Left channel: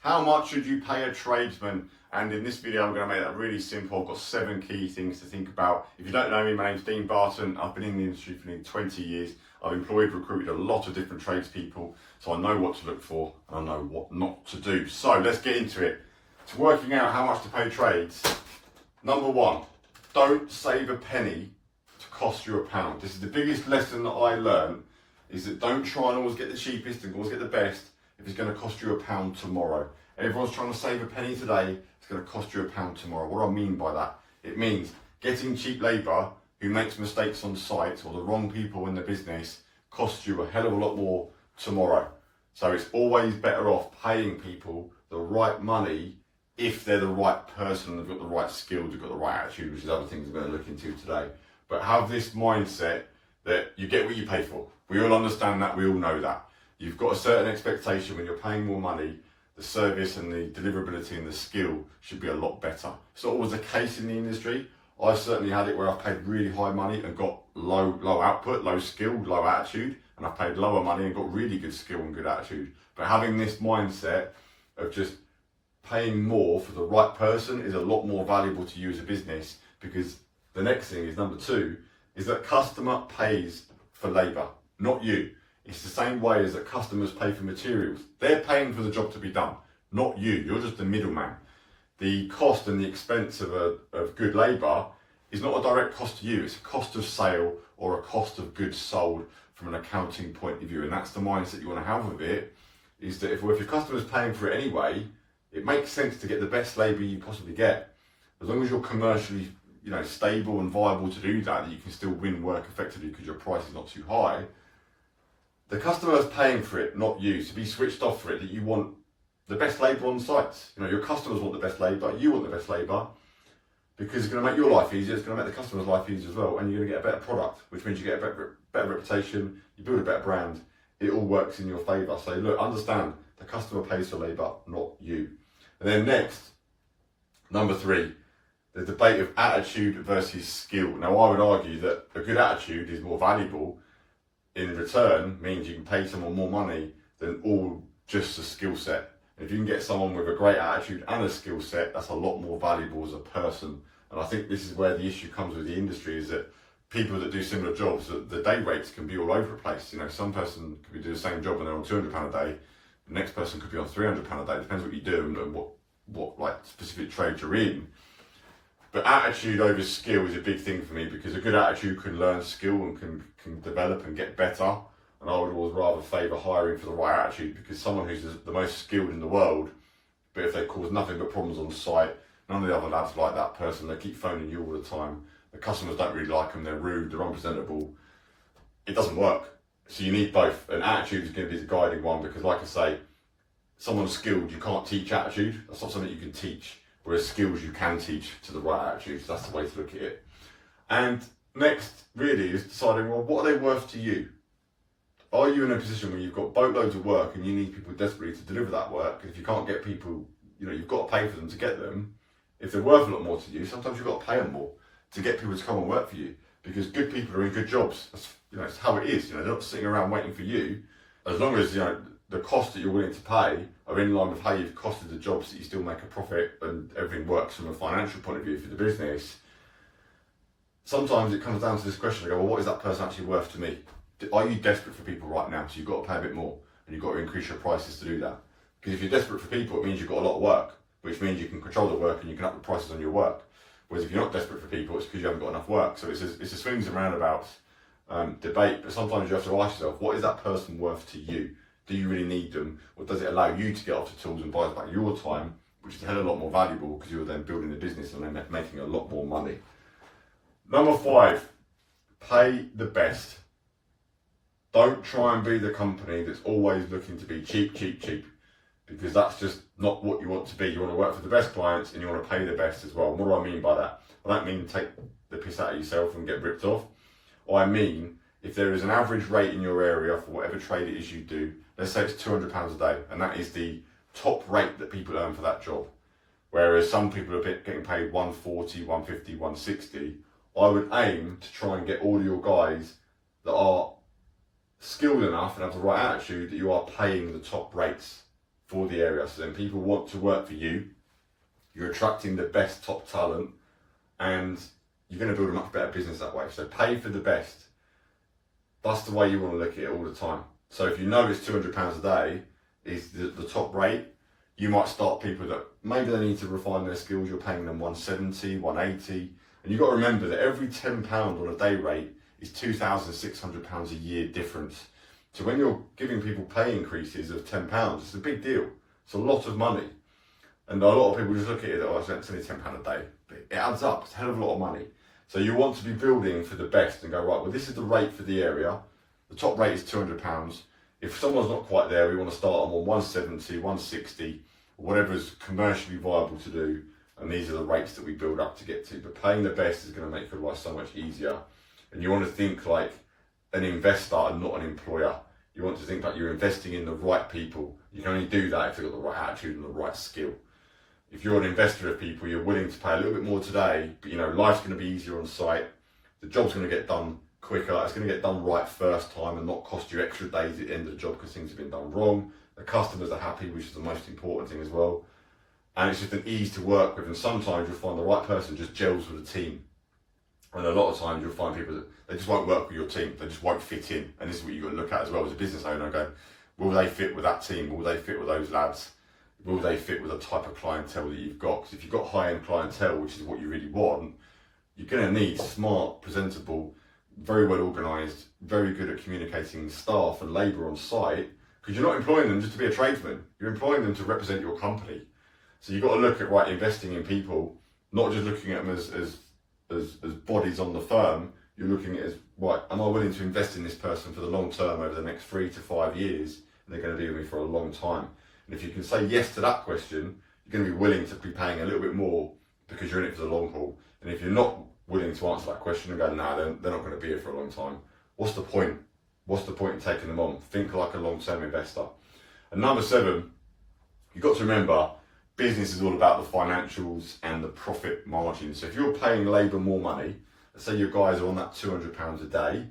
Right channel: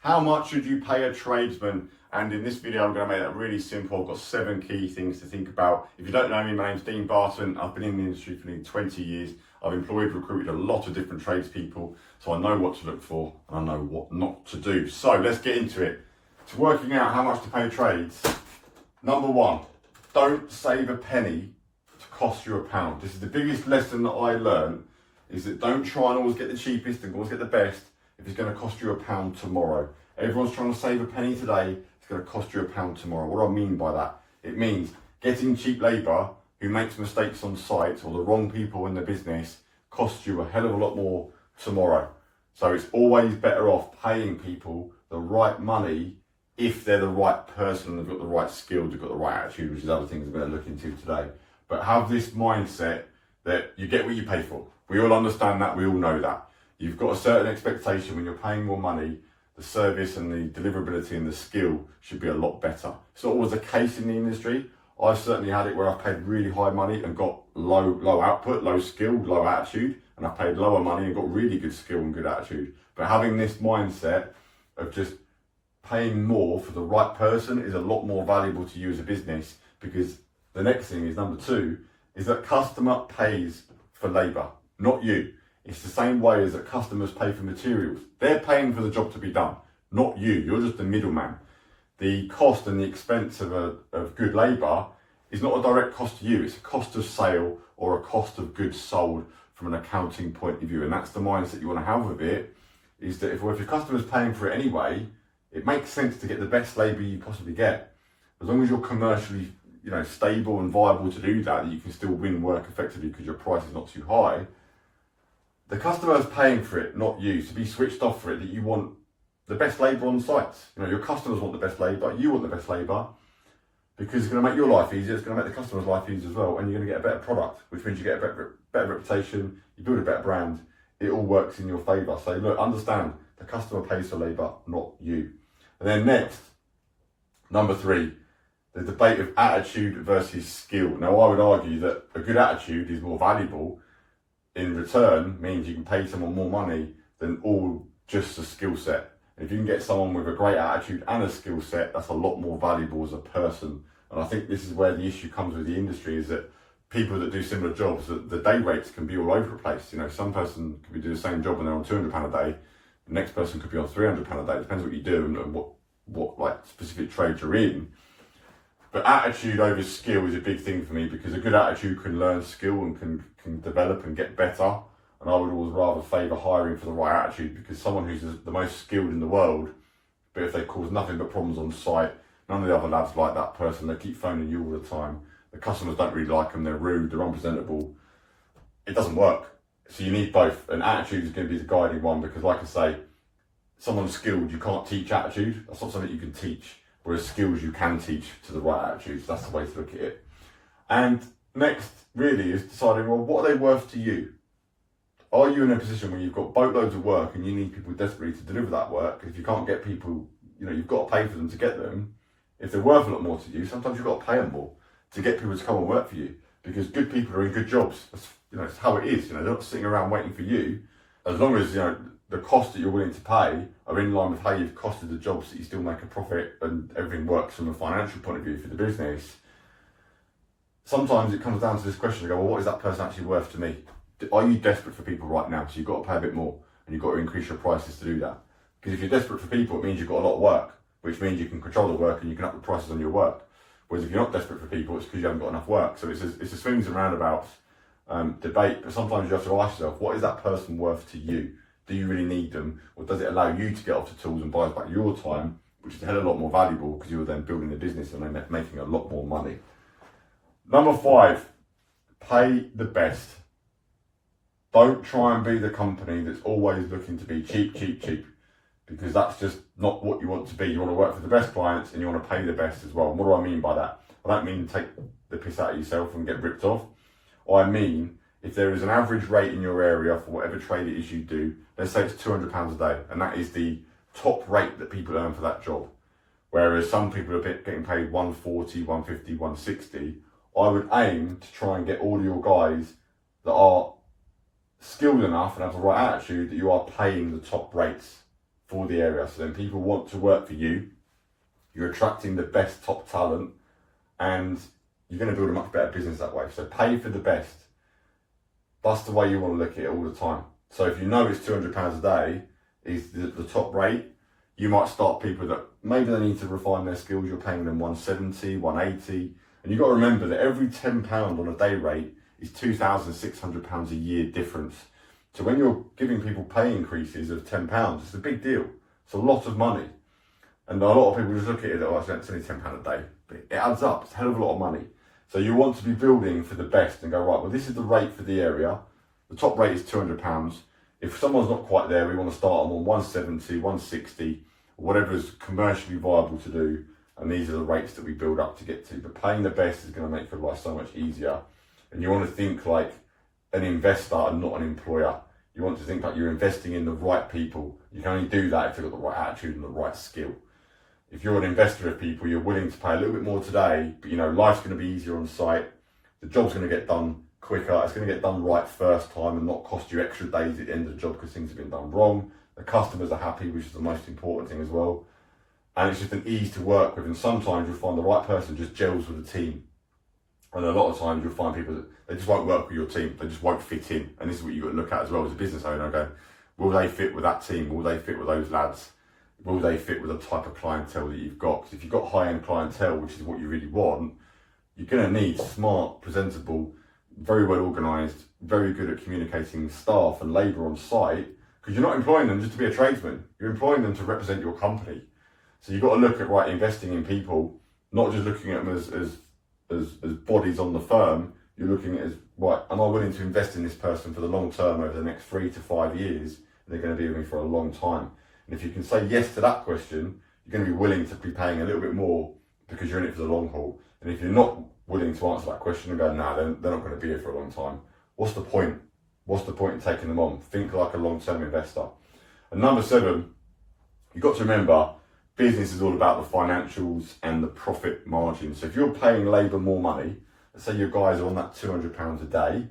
How much should you pay a tradesman? And in this video, I'm going to make that really simple. I've got 7 key things to think about. If you don't know me, my name's Dean Barton. I've been in the industry for nearly 20 years. I've employed, recruited a lot of different tradespeople, so I know what to look for and I know what not to do. So let's get into it. To working out how much to pay trades. Number 1, don't save a penny to cost you a pound. This is the biggest lesson that I learned, is that don't try and always get the cheapest and always get the best if it's going to cost you a pound tomorrow. Everyone's trying to save a penny today, it's going to cost you a pound tomorrow. What do I mean by that? It means getting cheap labour who makes mistakes on site or the wrong people in the business costs you a hell of a lot more tomorrow. So it's always better off paying people the right money if they're the right person, they've got the right skills, they've got the right attitude, which is other things I'm going to look into today. But have this mindset that you get what you pay for. We all understand that, we all know that. You've got a certain expectation when you're paying more money, the service and the deliverability and the skill should be a lot better. It's not always the case in the industry. I've certainly had it where I've paid really high money and got low output, low skill, low attitude, and I've paid lower money and got really good skill and good attitude. But having this mindset of just paying more for the right person is a lot more valuable to you as a business, because the next thing is, number 2, is that customer pays for labour, not you. It's the same way as that customers pay for materials. They're paying for the job to be done, not you. You're just the middleman. The cost and the expense of good labour is not a direct cost to you. It's a cost of sale or a cost of goods sold from an accounting point of view. And that's the mindset you want to have with it, is that if your customer's paying for it anyway, it makes sense to get the best labour you possibly get. As long as you're commercially stable and viable to do that you can still win work effectively because your price is not too high. The customer is paying for it, not you. So be switched off for it, that you want the best labour on sites. Your customers want the best labour, you want the best labour, because it's going to make your life easier, it's going to make the customer's life easier as well, and you're going to get a better product, which means you get a better reputation, you build a better brand, it all works in your favour. So look, understand, the customer pays for labour, not you. And then next, number 3, the debate of attitude versus skill. Now I would argue that a good attitude is more valuable, in return means you can pay someone more money than all just a skill set. And if you can get someone with a great attitude and a skill set, that's a lot more valuable as a person. And I think this is where the issue comes with the industry, is that people that do similar jobs, the day rates can be all over the place. Some person could be doing the same job and they're on £200 a day. The next person could be on £300 a day. It depends what you do and what specific trade you're in. But attitude over skill is a big thing for me, because a good attitude can learn skill and can develop and get better. And I would always rather favour hiring for the right attitude, because someone who's the most skilled in the world, but if they cause nothing but problems on site, none of the other lads like that person, they keep phoning you all the time, the customers don't really like them, they're rude, they're unpresentable, it doesn't work. So you need both, and attitude is going to be the guiding one, because like I say, someone skilled, you can't teach attitude, that's not something you can teach. Whereas skills you can teach to the right attitudes. That's the way to look at it. And next, really, is deciding, well, what are they worth to you? Are you in a position where you've got boatloads of work and you need people desperately to deliver that work? If you can't get people, you've got to pay for them to get them. If they're worth a lot more to you, sometimes you've got to pay them more to get people to come and work for you. Because good people are in good jobs. That's, it's how it is. They're not sitting around waiting for you. As long as, the cost that you're willing to pay are in line with how you've costed the jobs, that you still make a profit and everything works from a financial point of view for the business. Sometimes it comes down to this question, well, what is that person actually worth to me? Are you desperate for people right now? So you've got to pay a bit more and you've got to increase your prices to do that. Because if you're desperate for people, it means you've got a lot of work, which means you can control the work and you can up the prices on your work. Whereas if you're not desperate for people, it's because you haven't got enough work. So it's a swings and roundabouts debate, but sometimes you have to ask yourself, what is that person worth to you? Do you really need them, or does it allow you to get off the tools and buy back your time, which is a hell of a lot more valuable, because you're then building a business and then making a lot more money. Number 5, pay the best. Don't try and be the company that's always looking to be cheap, because that's just not what you want to be. You want to work for the best clients and you want to pay the best as well. And what do I mean by that? I don't mean take the piss out of yourself and get ripped off. I mean, if there is an average rate in your area for whatever trade it is you do, let's say it's £200 a day, and that is the top rate that people earn for that job. Whereas some people are getting paid 140, 150, 160. I would aim to try and get all of your guys that are skilled enough and have the right attitude that you are paying the top rates for the area. So then people want to work for you. You're attracting the best top talent, and you're going to build a much better business that way. So pay for the best. That's the way you want to look at it all the time. So if you know it's £200 a day is the top rate, you might start people that maybe they need to refine their skills. You're paying them 170, 180. And you've got to remember that every £10 on a day rate is £2,600 a year difference. So when you're giving people pay increases of £10, it's a big deal. It's a lot of money. And a lot of people just look at it, oh, it's only £10 a day. But it adds up, it's a hell of a lot of money. So you want to be building for the best and go, right, well, this is the rate for the area. The top rate is £200. If someone's not quite there, we want to start them on 170, 160, whatever is commercially viable to do. And these are the rates that we build up to get to. But paying the best is going to make your life so much easier. And you want to think like an investor and not an employer. You want to think like you're investing in the right people. You can only do that if you've got the right attitude and the right skill. If you're an investor of people, you're willing to pay a little bit more today, but you know, life's going to be easier on site. The job's going to get done quicker. It's going to get done right first time and not cost you extra days at the end of the job because things have been done wrong. The customers are happy, which is the most important thing as well. And it's just an ease to work with. And sometimes you'll find the right person just gels with the team. And a lot of times you'll find people that they just won't work with your team. They just won't fit in. And this is what you've got to look at as well as a business owner. Going, will they fit with that team? Will they fit with those lads? Will they fit with the type of clientele that you've got? Because if you've got high-end clientele, which is what you really want, you're going to need smart, presentable, very well organised, very good at communicating staff and labour on site, because you're not employing them just to be a tradesman. You're employing them to represent your company. So you've got to look at, right, investing in people, not just looking at them as bodies on the firm. You're looking at it as, right, am I willing to invest in this person for the long term over the next 3 to 5 years? They're going to be with me for a long time. And if you can say yes to that question, you're going to be willing to be paying a little bit more because you're in it for the long haul. And if you're not willing to answer that question and go, nah, they're not going to be here for a long time, what's the point? What's the point in taking them on? Think like a long-term investor. And number 7, you've got to remember, business is all about the financials and the profit margin. So if you're paying labour more money, let's say your guys are on that £200 a day,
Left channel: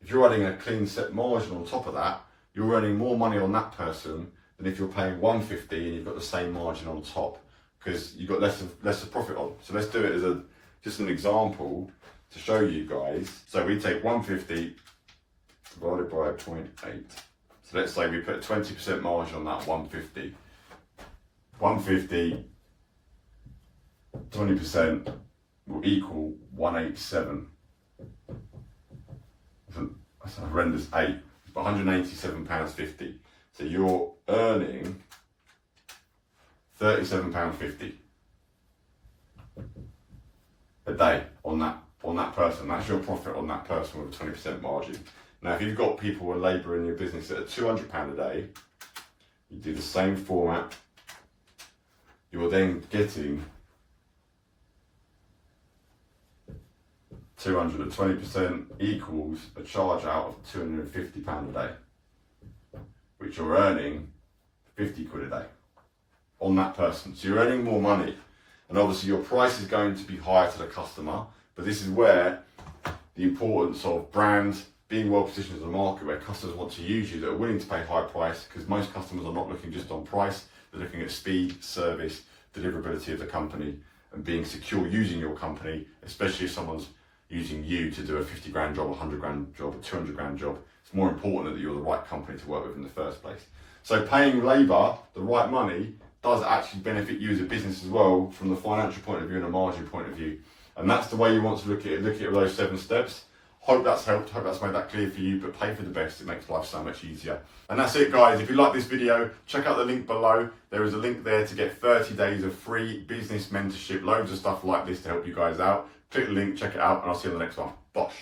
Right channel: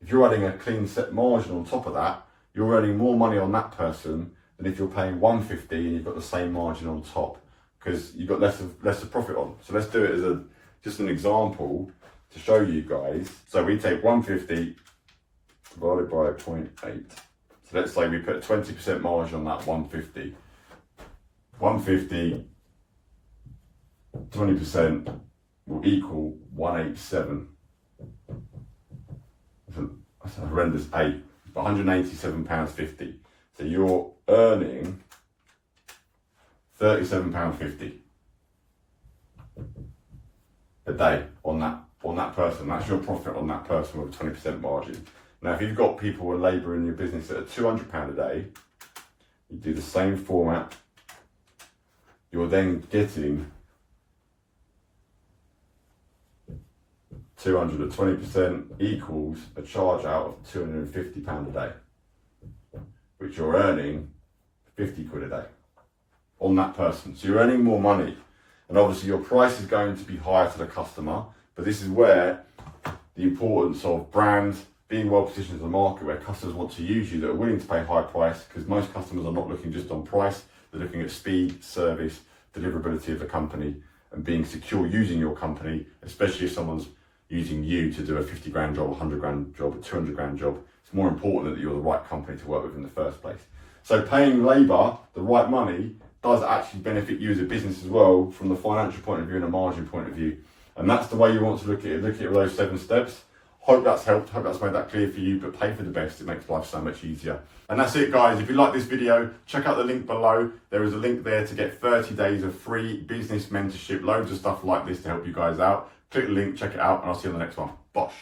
if you're adding a clean set margin on top of that, you're earning more money on that person than if you're paying 150 and you've got the same margin on top, because you've got less of profit on. So let's do it as just an example to show you guys. So we take 150 divided by 0.8. So let's say we put a 20% margin on that 150. 150, 20% will equal 187. That's a horrendous 8, but £187.50. So you're earning £37.50 a day on that person. That's your profit on that person with a 20% margin. Now, if you've got people with labour in your business that are £200 a day, you do the same format. You're then getting 220% equals a charge out of £250 a day, which you're earning 50 quid a day on that person. So you're earning more money. And obviously your price is going to be higher to the customer, but this is where the importance of brand, being well positioned in the market where customers want to use you, that are willing to pay high price, because most customers are not looking just on price, they're looking at speed, service, deliverability of the company, and being secure using your company, especially if someone's using you to do a 50 grand job, a 100 grand job, a 200 grand job. It's more important that you're the right company to work with in the first place. So paying labour the right money does actually benefit you as a business as well, from the financial point of view and a margin point of view. And that's the way you want to look at it. Look at those 7 steps. Hope that's helped, hope that's made that clear for you, but pay for the best. It makes life so much easier. And that's it, guys. If you like this video, check out the link below. There is a link there to get 30 days of free business mentorship, loads of stuff like this to help you guys out. Click the link, check it out, and I'll see you on the next one. Bosh.